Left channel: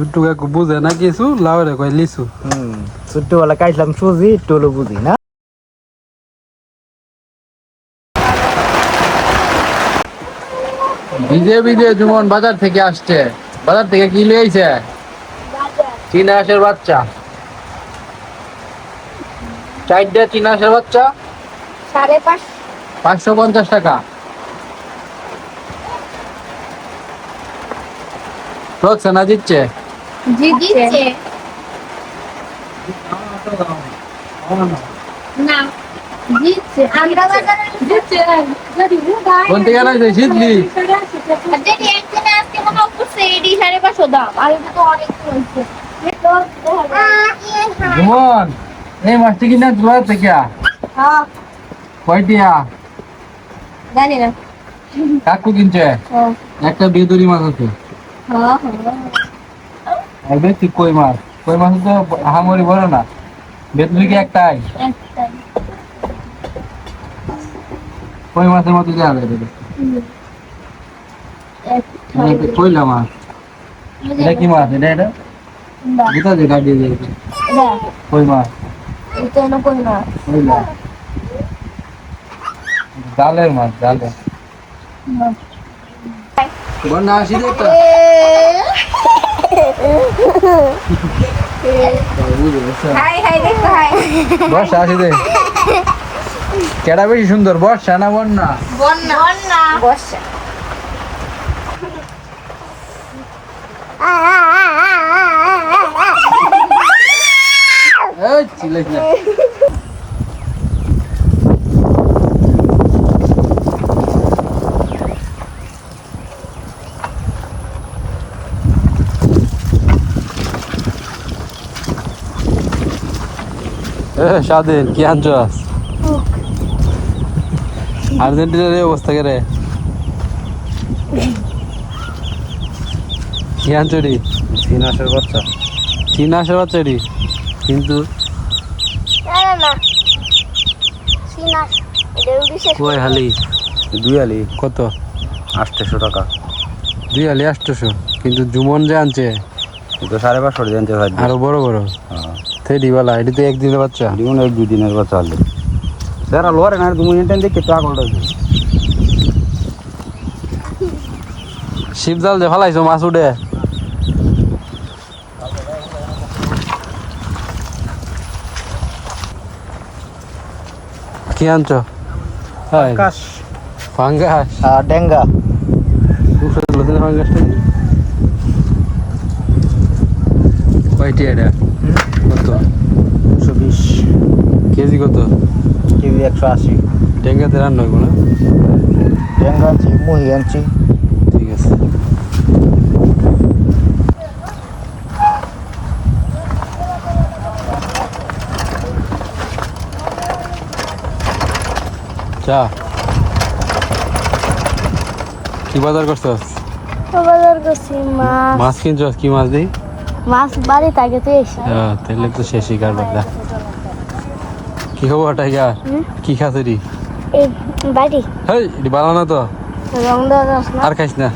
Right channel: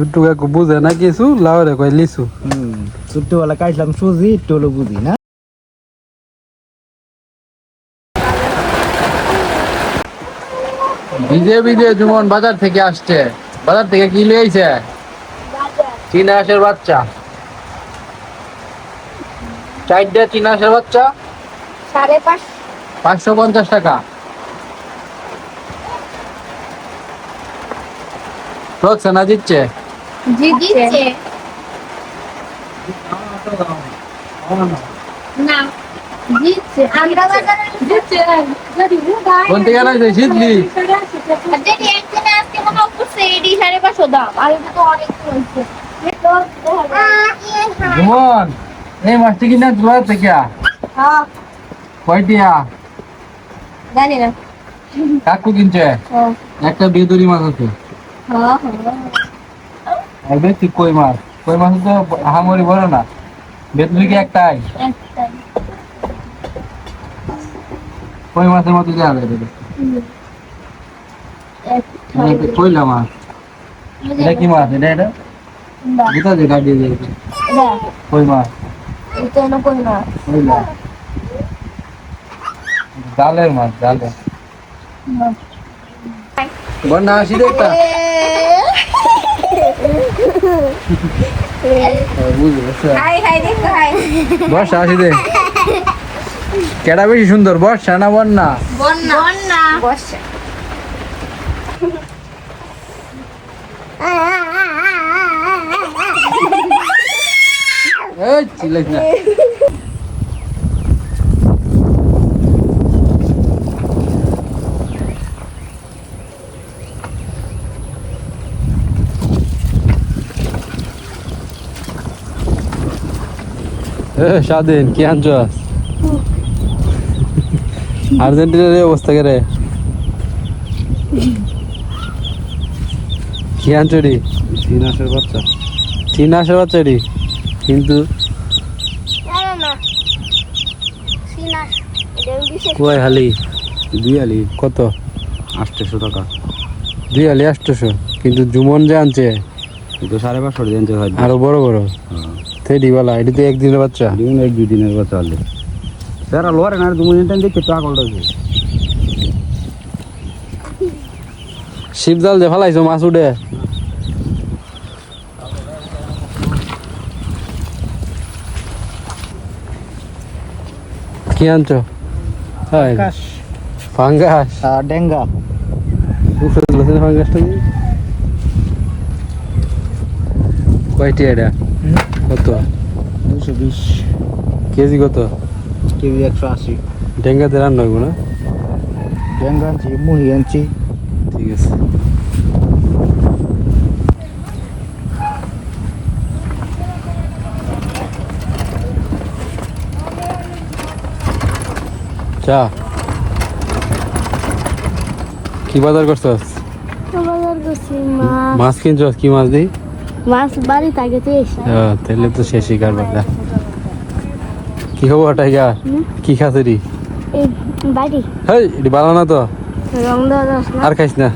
ছোট্টু কাকু বুঝে না কিছু, লাউরে কয় লিচু। ছোট্টবেলা খাইছিলাম সুজি, একটু হলো বুঝি না। ভিজে ভিজে জুমন বাজার থেকে আসছে। বাজার থেকে কি লিয়েছে? চীনা হাঁসের বাচ্চা। 4টা চীনা হাঁসের বাচ্চা 550 টাকা। ঠকছে না জিতছে? জিতছে না, জিতছে। আমরা বাজারে জিতছে। কোন থেকে আনাইছে জিতলি? যদি একদিনে আজকে মনে হচ্ছে এডি 550 দাম, আর এটা তো অনেক হয়েছে। জুমন এই মাছটি কিনা বাজার থেকে হ্যাঁ, কয়টিয়া? জানি না। কাকু কিনছে। একটা বেদুরি মাছ আছে। হ্যাঁ আর বেশি কই মাছ। কই মাছ তো হামরি বড় না। বেদুরি কি একটাই? একটাই। কই মাছের মতো দেওয়া যায় এটা। এটা কইলা মাছ। এটা কি মাছ? এটা কোথা থেকে কাটিয়ে দিয়েছে? কই মাছ। এটা না কই না। কইলা জালের মাছ, জালের। বন্যা আসি দেখতা। হাই হাই দেখ হাই। বর্ষা আসি দে। কেডা বেশি সুন্দর, বর্ষা না বন্যা? বন্যা বন্যা বর্ষা। এই চিল্লাইস না। স্বাধীন কি আনছস? আর্জেন্টিনার এই অবস্থা কে রে? কি আনছরি? চীনা হাঁসের বাচ্চা। চীনা হাঁসের বাচ্চারি কিন্তু কই হালি? 2 আলি কত? 800 টাকা। 2 হালি 800, কিন্তু জুমন যে আনছে এটা 550 জানতে ভাই। আরো বড় বড়। থেডি বালা, এটা তো একদিনের বাচ্চা। দিন 1-2 দিনের বাচ্চা হলো। স্যার লোরে না 2 মিনিট দেখে টাকা ওটা। শিব জাল যে ফালাইছো মাছ উঠে। কি আনছো? আকাশ ফাঙ্গাস। ডেঙ্গা ফাঙ্গাসটা কয়টি? এটা কত? 220 কেজি কত? কেজি 180। ডেঙ্গাতে রান্না হইব না? ডেঙ্গা আনছি, মুহি আনছি। ঠিক আছে। চা কি বাজার করছস? বাজার করছি মাছ। মাছ কিনছস? কি মাছ দিই? মাছ বাড়ি থাকে তো এসে। তাহলে তো শেষই কারবার। কি খবর টাইগার? কি খাসরি? এই বাড়ি হেই এটি ভালো না তো, রং দেওয়া না। আর খাইস না।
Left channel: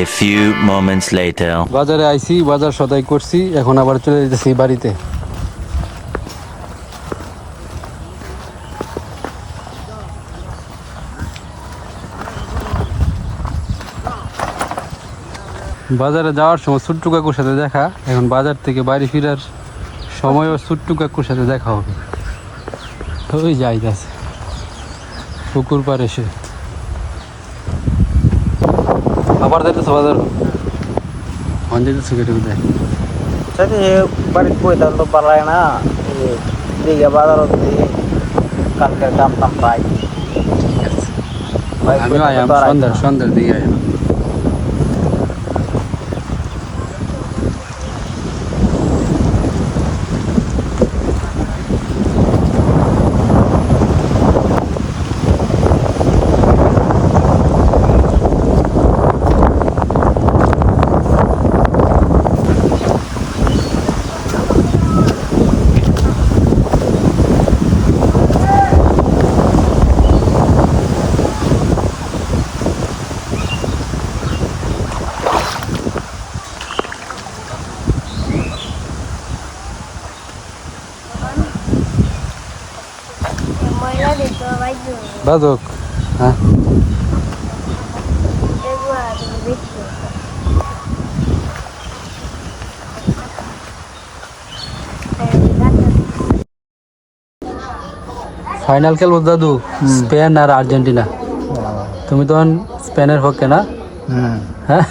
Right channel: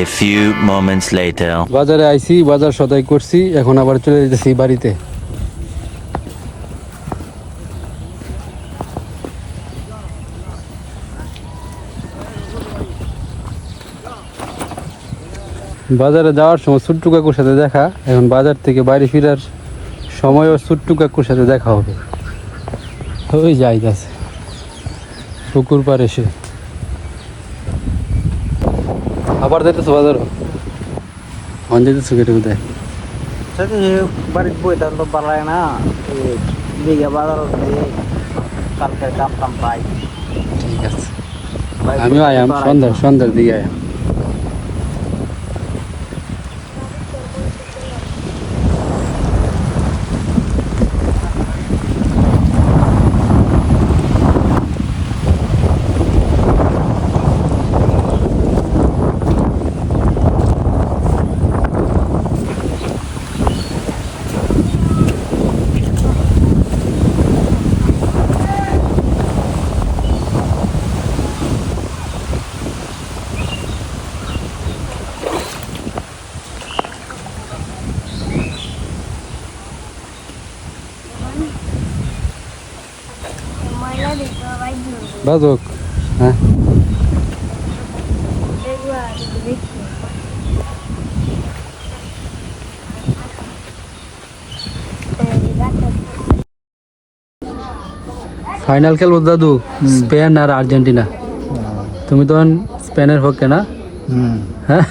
A few moments later. বাজারে আইছি, বাজার সদাই করছি, এখন আবার চলে যেতেছি বাড়িতে। বাজারে যাওয়ার সময় ছোট্টু কাকুর সাথে দেখা, এখন বাজার থেকে বাড়ি ফেরার সময়ও ছোট্টু কাকুর সাথে দেখা হবে। ওই যাইতেছে পুকুর পার এসে আবার যাইতেছে বাজারও। অন যেতেছে কেটে বোধহয়। সাথে বাড়িতে বই তাহলে তো পারায় না। দিঘা বাজার কালকে দাম টাম পাই। ঠিক আছে, আমিও আয়াম সন্ধ্যার দিকে আয়াম। বাজক হ্যাঁ ফাইনাল খেলবো দাদু স্পেন আর আর্জেন্টিনা তুমি তখন স্পেনের পক্ষে না হ্যাঁ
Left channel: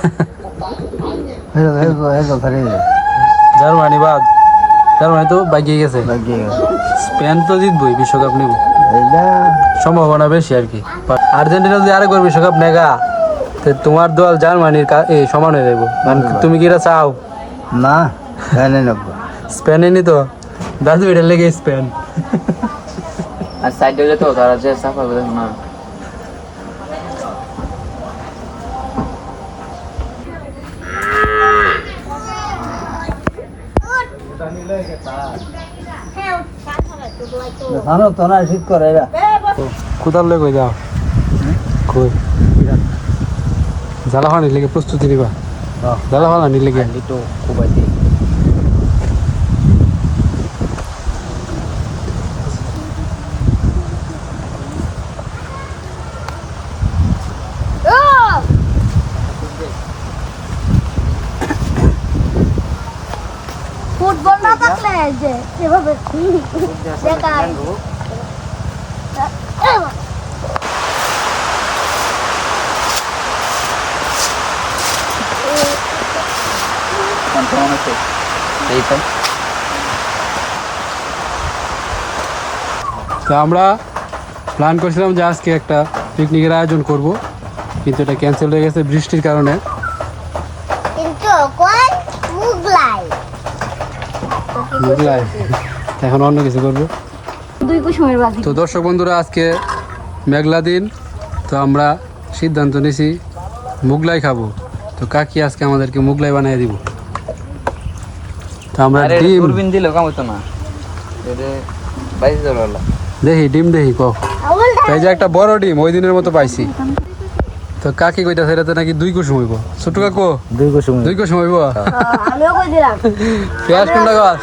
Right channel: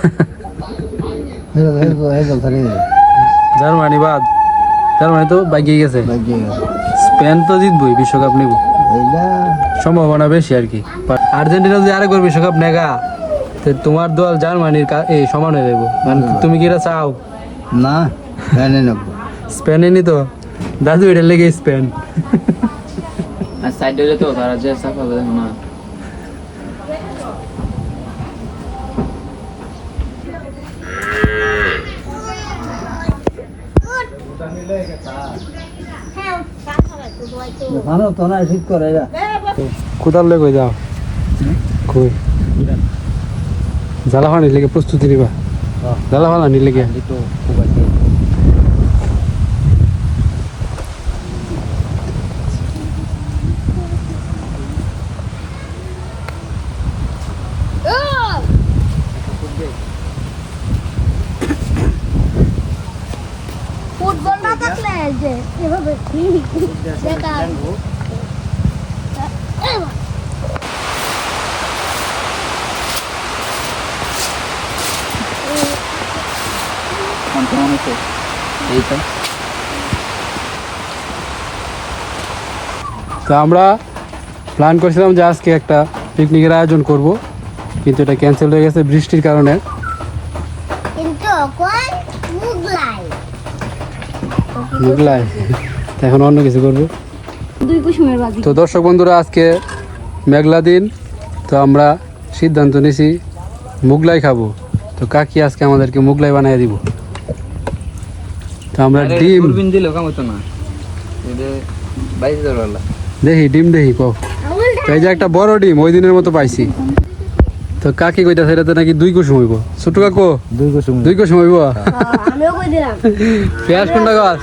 জার্মানি বাদ জার্মানি তো বাগিয়ে গেছে স্পেন তো জিতবই বিশ্বকাপ নিব সম্ভাবনা বেশি আর কি আর্জেন্টিনা যদি আরেকবার বিশ্বকাপ নেগা তো তোমার দল জার্মানির এই সমান হয়ে যাবো তুমি কি এটা চাও না স্পেনে নি তো দাদু এটা লেগে স্পেন আর সাইড হয়ে যেত তারা যে সাফা করে না জানো তো না শীত করে কোথার লেগে যাও কই জ্বালা পানি লেগে প্রস্তুতি নিবা জ্বালা পানি লেগে তো খুব আছে ফুটবল না থাকলে যে এভাবে দেখা তো আমরা প্ল্যান করছিলাম যে আজকে একটা পিকনিকের আয়োজন করব কিন্তু এটা ক্যান্সেল হয়ে গেছে বৃষ্টির কারণে কিন্তু কোন মুগলাই এখন অন্য কিছু করবো দুই কুসুমের বাজি তো দর্শক বন্ধুরা আজকে মেঘলা দিন তো আমরা সিদ্ধান্ত নিয়েছি মুগলাই খাবো তো কাকি আজকে আমাদেরকে মুগলাই বানিয়ে দিব তো আমরা ডিম দিলে কাম হতো না দেখি ডিম দেখি কক এই যে একটা বড় ডিম ওই দিনের মতো পাইছি তো কাকি কইতা সেটাতে নাকি 2 কুসুম হইব ছোট কাকু 2 কুসুম হইব আমিও কই দিলাম পেঁয়াজ কোনটা গাছ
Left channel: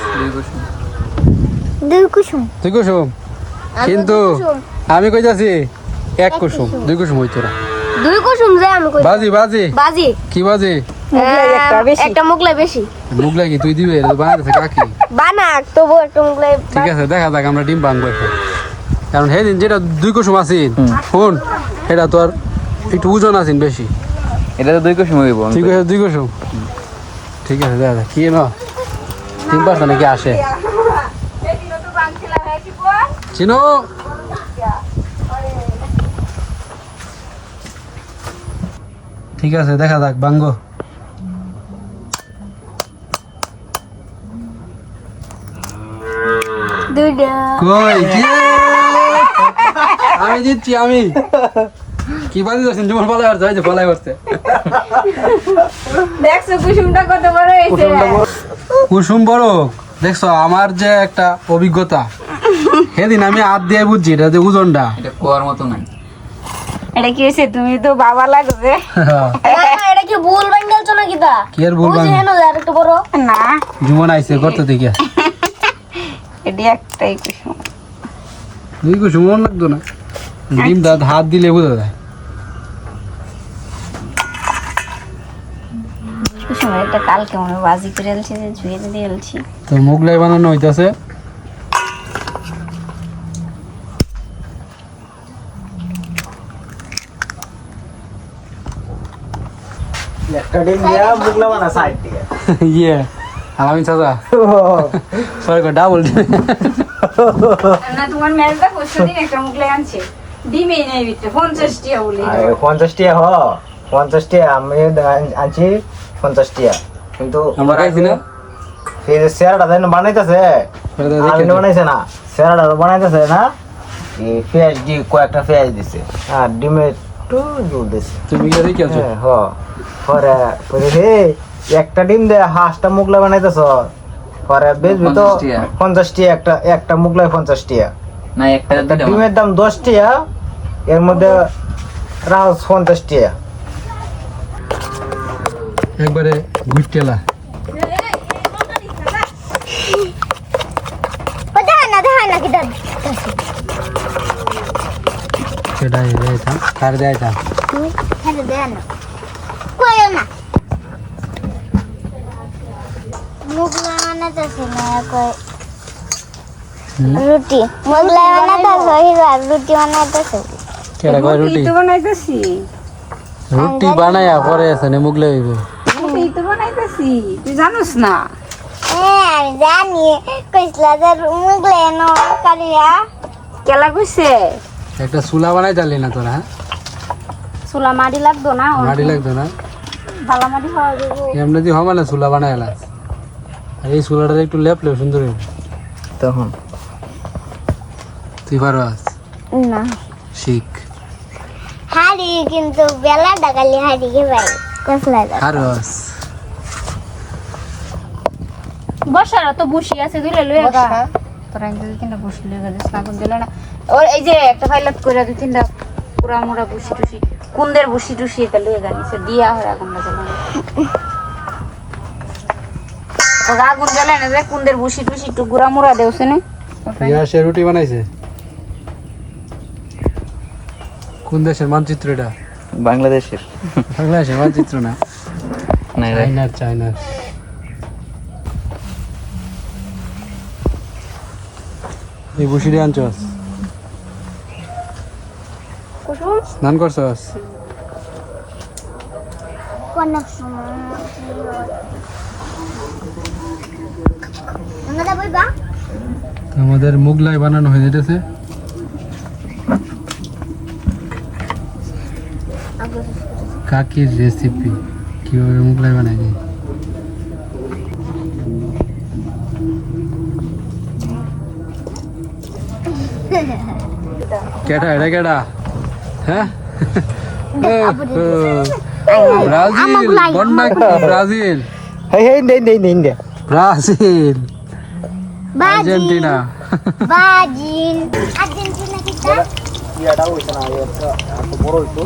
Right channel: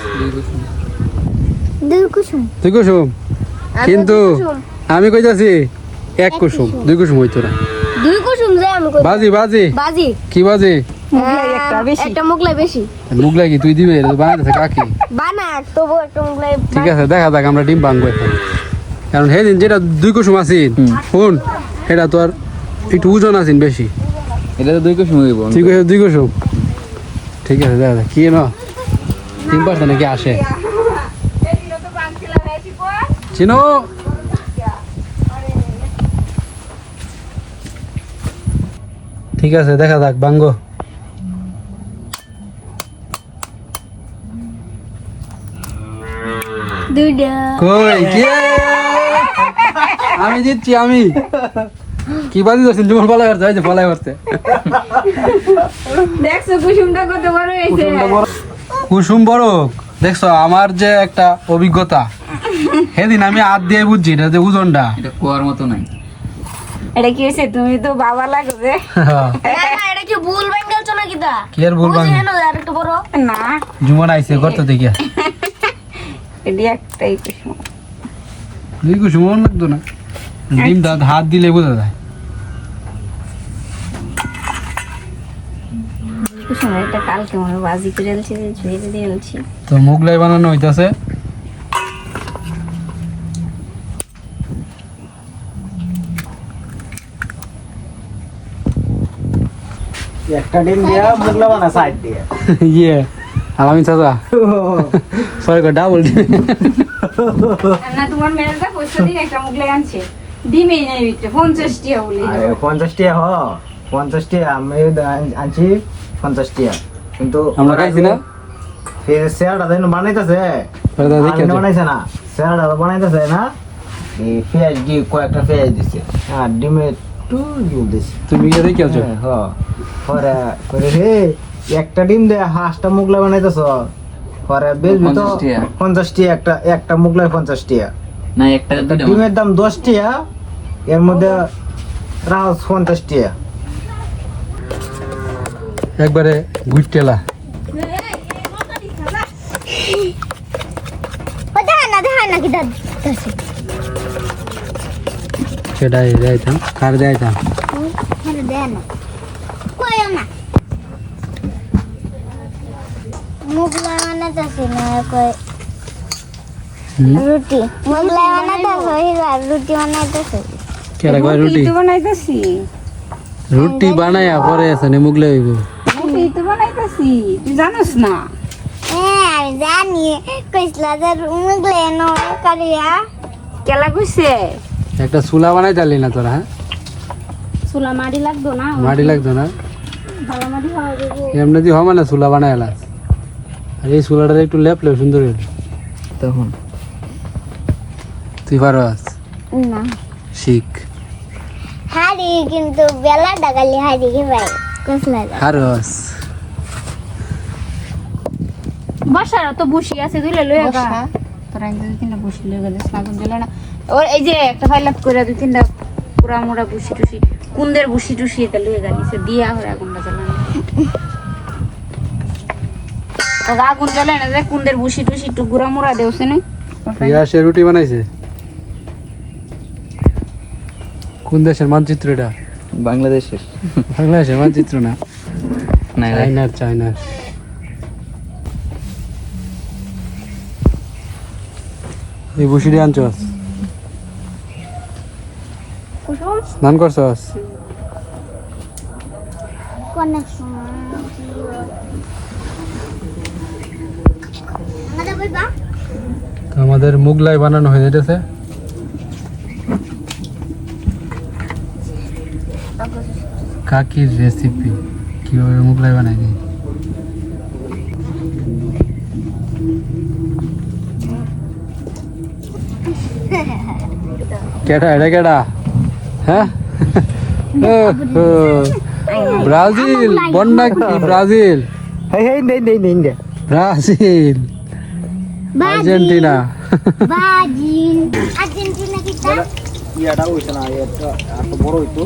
দুই কুসুম 2 কুসুম কিন্তু আমি কইতাছি 1 কুসুম 2 কুসুম হইতো না দুই কুসুম যে আমি কই বাজি বাজি বাজি কি বাজি একটা মুগলাই বেশি মুগলাই কি তুই দিবে এটা বানাইতেছে কাকি বানাক তবু একটা মুগলাই ঠিক আছে দেখা যাক আমরা ডিম বানবো এখন কারণ সেদিন যেটা 2 কুসুম আছিন শুন সেটা তো আর একটু ওজন আছিন বেশি এটা তো 2 কুসুম হইব 2 কুসুম ঠিক আছে দেখা যাক কি না 3% নাকি আসে চিনো ঠিক আছে দেখা যাক বাঙ্গো দুইটা কই কি আমি জিতছি আমি কি বাজি দর্শন তোমার পালাই করতে হয় যে পালাই করতে দেখছো কুসুমটা কত বড় হয়েছে কুসুম বড় দেখছো আমার যে একটা অভিজ্ঞতা সেদিন আমি হাত দিয়ে বুঝছি এটা যে ওজনটা এটা কোয়ার মতো নাই এটা কি হয়েছে তুমি তো বাবা লাগবে এটা কি ভুল বাঙ্গালছো নাকি তা কি আর ভুল বাঙ্গি? আর একটু বড় না জুমন আইছে করতে থেকে এটি একটাই কুসুম 2 কুসুম মন লাগতো না ডিমটা হাত দিলে বোঝা যায় কুসুম এটা কালকে মনে হয় বাজি করে এলছি যে ঝুয়ে দিয়ে এলছি তো মুগলাই বানানো হইতাছে একটা ডিম দিয়া মুগলা বানা সাইড দিয়ে ইয়ে আলামিন চাচা সরি ডাবল না তোমার মেলটা কষ্ট দিন একটা মুগলাই আনছে ডিমে নেই বিটে 50 টাকা বলে 50 টাকা 50 টাকা আমি আনছি 50 টাকা কিন্তু আমরা খাইছি না সেরাটা যেন বানাইতেছে বানাইছে না সেরাটা বানাইতেছে না এই পেঁয়াজ দিয়ে কয়েকটা পেঁয়াজ দিছে আর ডিমে একটু জল দিছে তুমি কি দেখি আছো পরে করে হে একটা ডিম দে হাঁসটা মুগলা বানাইতেছ পরে বেচবি তো 50 টাকা একটা মুগলাই 50 টাকা না একটা ডিমের দাম 10 টাকা এর মধ্যে রাজ 50 টাকা একবারে গুইটেলা দেখা না কি দাদা সেটাই যাইতাম কার যাইতাম হেরে দেয়া না কয়ও না মুগলাই বানাতেছে না কয় রুটি মুগলাই বানাতেছে হিরা রুটি বানাতেছে কেরা কয় রুটি তো বানাইতেছি রুটি বানায়া পরে আছে নে মুগলে হইব রুটি তো বানাইতেছি তুই জানোস না আমি জানি কইসলা যে মুগলাই নো কারিয়া কেলা কইছে একটা চুলা বানাই জানলি না তোরা হ্যাঁ চুলা মাটি লাগতো না মাটি লাগতো না ভালো মাটি হওয়া যাবো এমনি দিয়ে হবে না চুলা বানাই এলা আর এই চুলাটা একটু লেপলে সুন্দর হইল তখন তুই পারস না শিখ হারি কিন্তু বেলা ডাকালি হারি কে ভাই কসলা হারস বসারা তো বসি আছে দুইলে লই গা তোরা দুই তিনটা বসি লই গেছিস না তো দিলে না ওর এই যে একটা ফাইলাত করে দুই তিনটা পুরা মোড়া বসি টুসি কুন্দের বসি টুসি এটা লই গেছে দিয়া হরে আগুনটা জ্বালানো তো আগুন জ্বালায় না যে কুন্দের বসি টুসি একটু গুড়া মোড়া দেওছে না ইয়া সে রুটি বানাইছে কোন দেশের মানচিত্র এটা বাংলাদেশের বাংলাদেশের মানচিত্র না চাইনার চাইনার এই বসিটি আনছস স্নান করছস কোন সময় আমরা বলবা তো আমাদের মুগলাই বানানো হয়ে যেতেছে কাকির রেসিপি কিভাবে মুগলাই বানাই দিই কেডা এটা কেডা হ্যাঁ ব্রাজিল বন্যা ব্রাজিল হেই হেই ইন্ডিয়া ব্রাজিল আর্জেন্টিনা বাজিন আর্জেন্টিনা কিটা ইয়াটা হইছে না এত বড় হইতো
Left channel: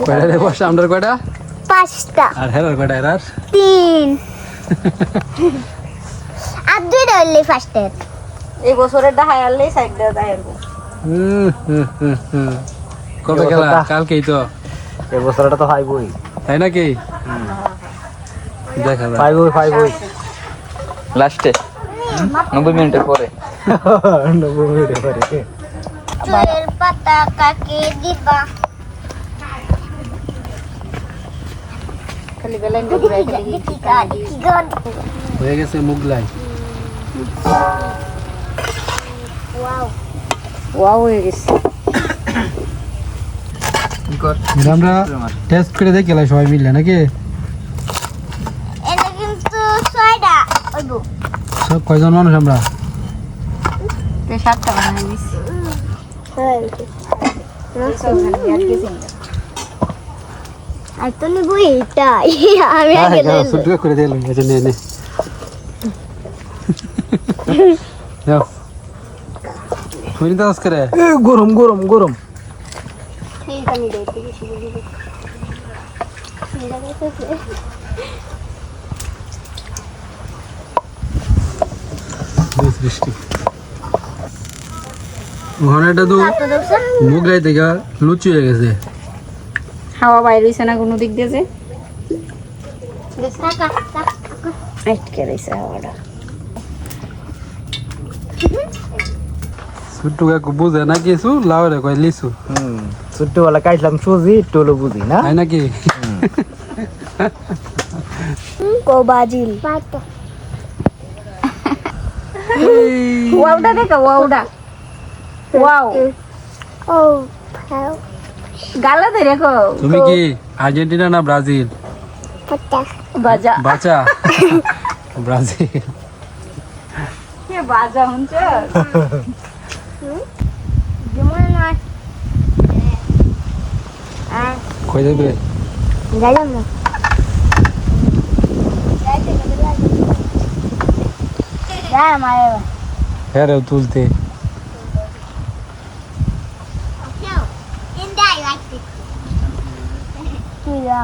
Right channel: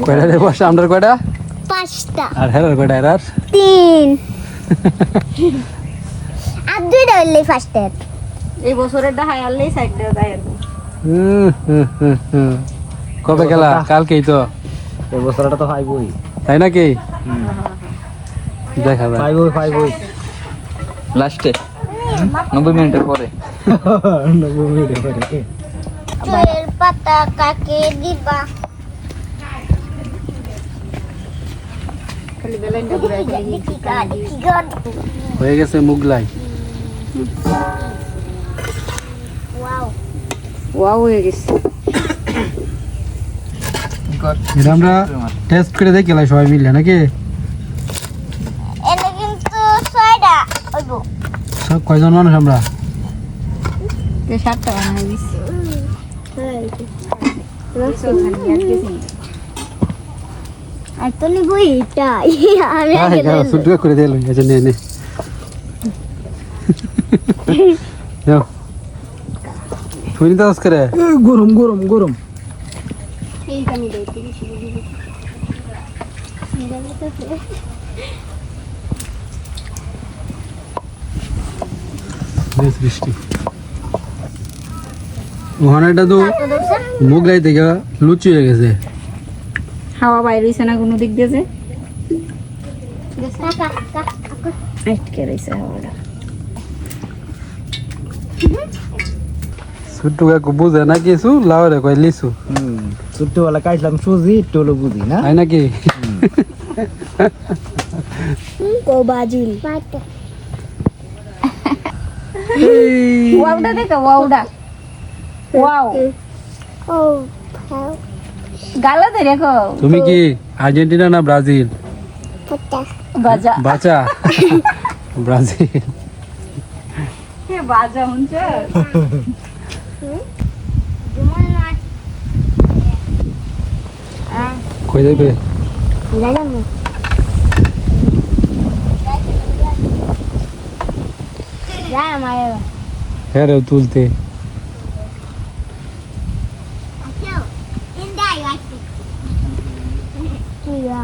কয়টা রে বসে আমরা কয়টা পাঁচটা আর হেরার কয়টা হেরার তিন আর দুইটা হইলে ফার্স্টের এই বছরের ডাহাই আনলেই সাইড দিয়ে দাঁড়াবো কবে খেলা কালকেই তো এই বছরটা তো ফাইবই তাই নাকি দেখা যাক ফাইবই লাস্টে 90 মিনিটের পরে 90 মিনিটের পরে চুলের পাতা কাকে দিবা খালি বেলাইন ঘুরাই খালি হয়ে গেছে মুগলাই ওয়াও হয়ে গেছে এটা আমরা টেস্ট করে দেখি সবাই মিললে নাকি এটা কিন্তু ছয়টা ওইবো সব কয়জন মানুষ আমরা তো সাতটা বানিয়ে দিছি আর তো নিবো এইটা আমি আগে শুদ্ধ করে দিল আচ্ছা নে নে যাও শুনি দাস করে গরম গরম গরম বৃষ্টি ওখানে এটা তো মুগলাই থেকে লুচি হয়ে গেছে হাওয়া বাইরে হইছে না কোনো দিক দিয়ে যে আটকে রয়েছে হাওয়াটা ছোট্টু কাকু বুঝে না কিছু লাউরে কয় লিচু ছোট্টবেলা কাটলাম সুজি টোলো বুঝি না তাই নাকি কো বাজিল ওয়াওটা দেখো ওয়াওটা ওয়াও ও গালা ধরে রেখো তুমি কি আর্জেন্টিনা না ব্রাজিল বাজা বাঁচা ব্রাজিল কে বাজা হচ্ছে জুমন নয় কই দেবে গেলাম না যা মায়ের হ্যাঁ রে তুলতে কি যা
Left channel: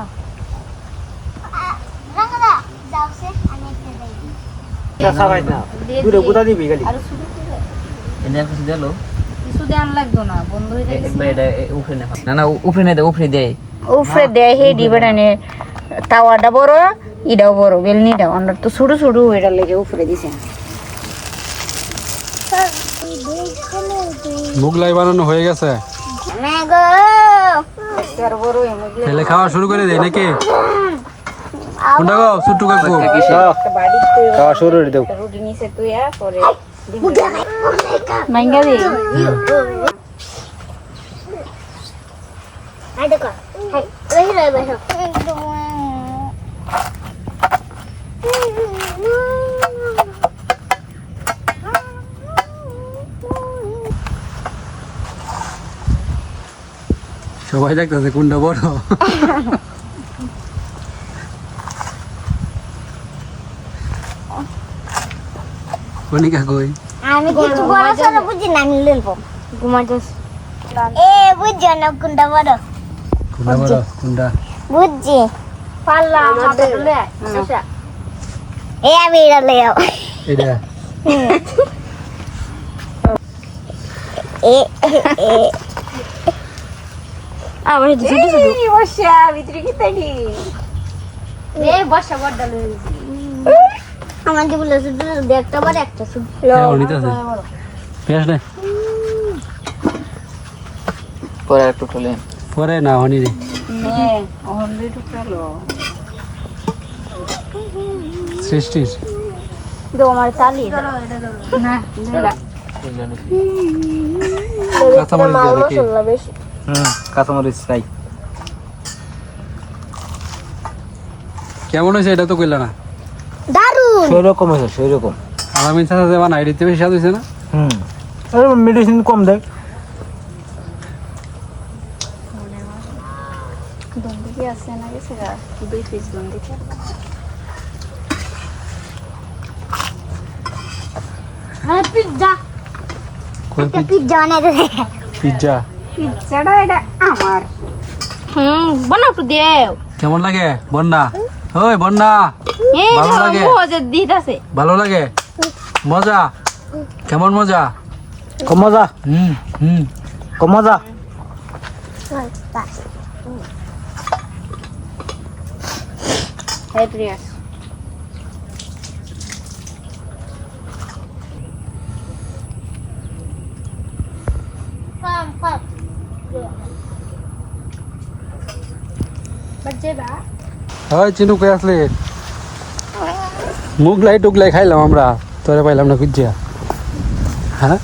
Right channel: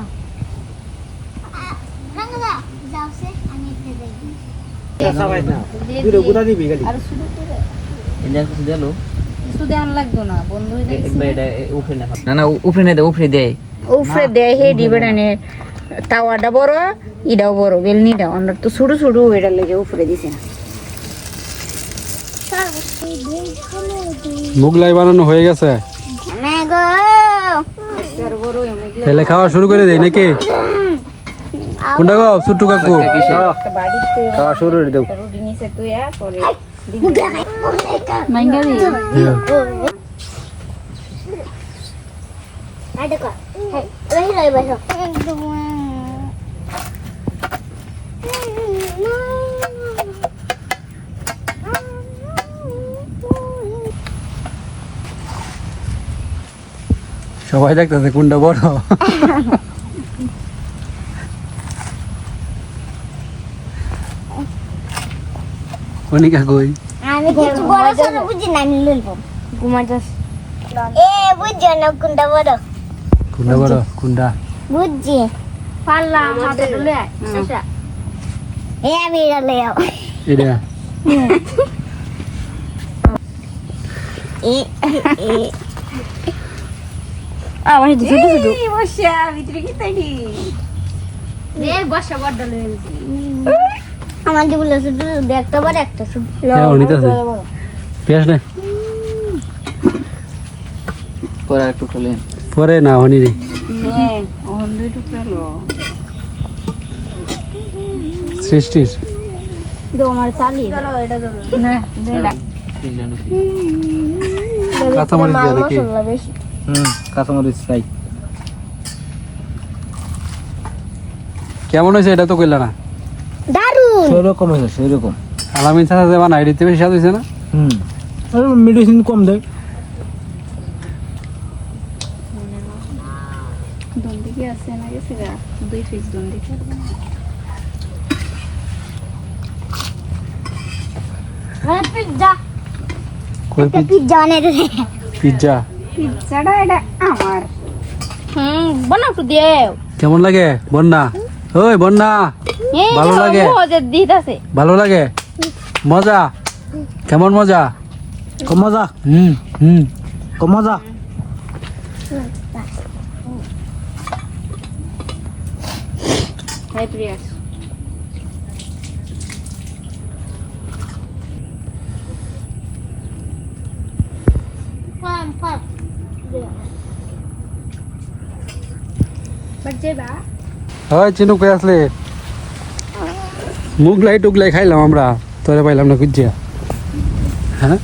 রাঙ্গা যাও সে আমি একটু দেই সবাই না দুটো গুদা দিবি খালি আর শুধু করে এনে কিছু দিলো কিছু দেন লাগতো না বন্ধ হয়ে যায় একবার এটা উফরে না না উফরে না উফরে দেয় উফরে দেয় হে ডিবেটানে তাওয়াটা বড় ইটাও বড় বেলনিটা আমরা তো ছোট ছোট এটা লেগে উফরে দিছে মুগলাই বানানো হয়ে গেছে তাহলে খাওয়া শুরু করে দেয় নাকি কোনটা গো ছোট্টু কাকু খাওয়া শুরু করে দাও রুটি নিচে তুই আর পরে মাইঙ্গা দি সবাই দেখতেছে কোনটা বড় কনিকা কই আমি কিছু বড় ছোট বুঝি না আমি লইব ঘুমার যাস এ বুঝছো না কোনটা বড় কোনটা বড় কোনটা বুঝছি পাল্লা হাতে তুলে এ আমি এটা লইও এটা এ এ আবার ছোট ছোট বসা ভিতরে কি তাইলি এ বসা বড় লইছি আমার যেগুলো ছোট ছোট একটা বড় একটা ছোট হ্যাঁ অনিতাছে পেঁয়াজ না পরে একটু খেলে পরে না হনি রে হ্যাঁ ওহন দুই টুকরো সৃষ্টির দো আমার চালি না দেলা কাঁচামরিচ দিয়ে নাকি কাঁচামরিচ নাই কেমন হয়েছে এটা তো কইলা না দারুন সেরকম হয়েছে সেরকম আলামিন চাচা যে বানাই দিতে বেশি স্বাদ হয়েছে না মেডিসিন কম দেয় দন্দি কি আছে না গেছে গা দুই পিস দন্দি পিজ্জা কই পিজ্জা বানাই দে পিজ্জা পিজ্জাটা এটা আমার বানাও তো দেও কেমন লাগে বন্যা ওই বন্যা ভালো লাগে মজা দিতাছে ভালো লাগে মজা কেমন মজা কম মজা হুম কম মজা হাই প্রিয়া ওই চিনু কই আসলে মুগলাই টুগলাই খাইলাম আমরা তোরে পাইলাম না খুঁজিয়া হ্যাঁ